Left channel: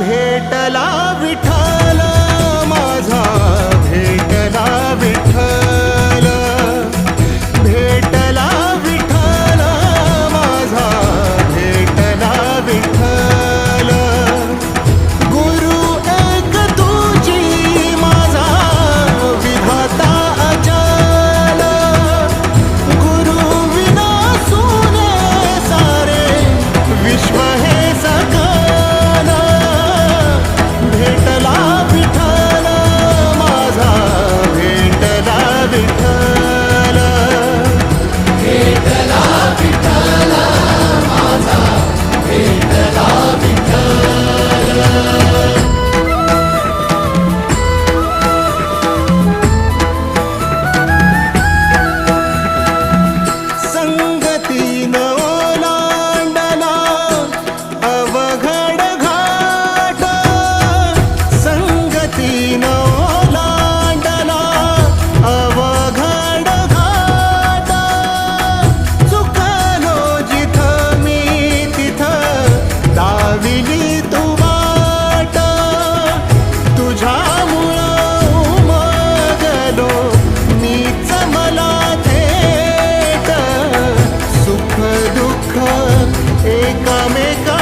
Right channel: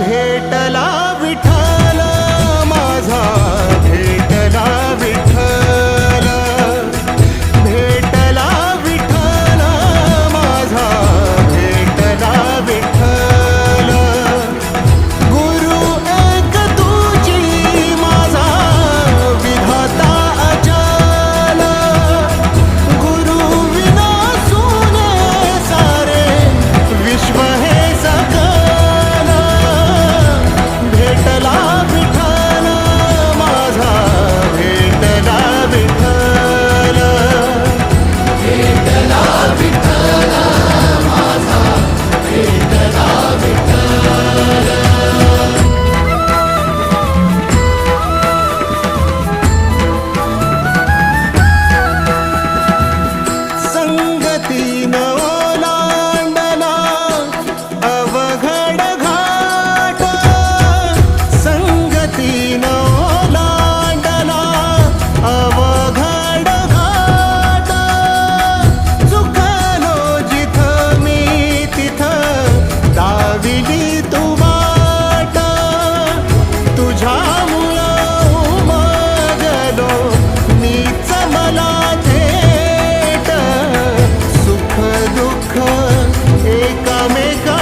भेटला विठ्ठल माझा, भेटला विठ्ठल, भेटला विठ्ठल माझा, भेटला विठ्ठल. गुरु एक तुझी माझा विधाता अचल, गुरु विना सुने सारे विश्व हे सकल. भेटला विठ्ठल माझा, भेटला विठ्ठल, भेटला विठ्ठल माझा, भेटला विठ्ठल. संगतीन ओलांडला अवघड घाट, संगतीन ओलांडला अवघड घाट. चुकलो जिथं मी तिथं दाविली तू वाट, तुझ्यामुळं उमगलो मीच मला थेट. सुख दुःख एकामेका